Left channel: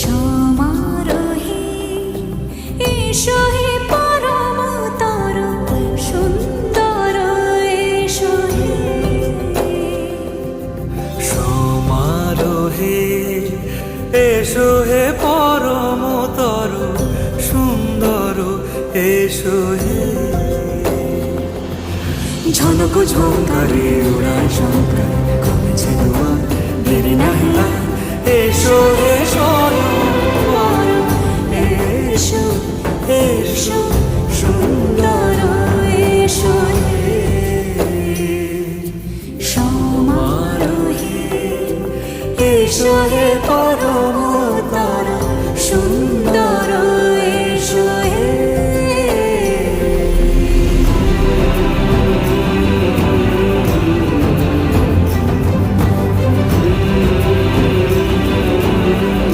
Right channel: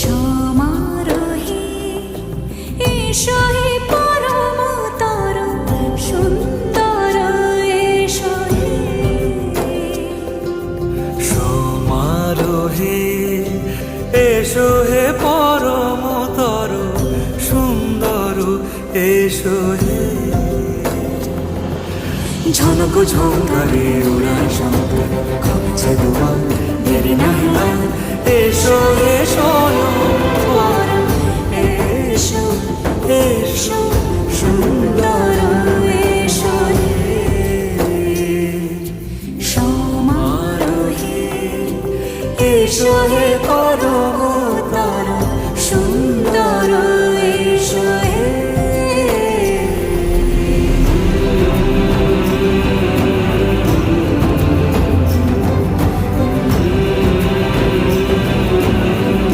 সমারোহে এসো হে পরমতর সুন্দর এসো হে। সমারোহে এসো হে পরমতর সুন্দর এসো হে। ঝনক ঝঙ্কারে উড়ায় শঙ্কার কমেছে দুয়ার দেরি নাহি আর। এসো হে স্বয়ং পরম এসো এসো সুন্দর এসো হে। সমারোহে এসো হে পরম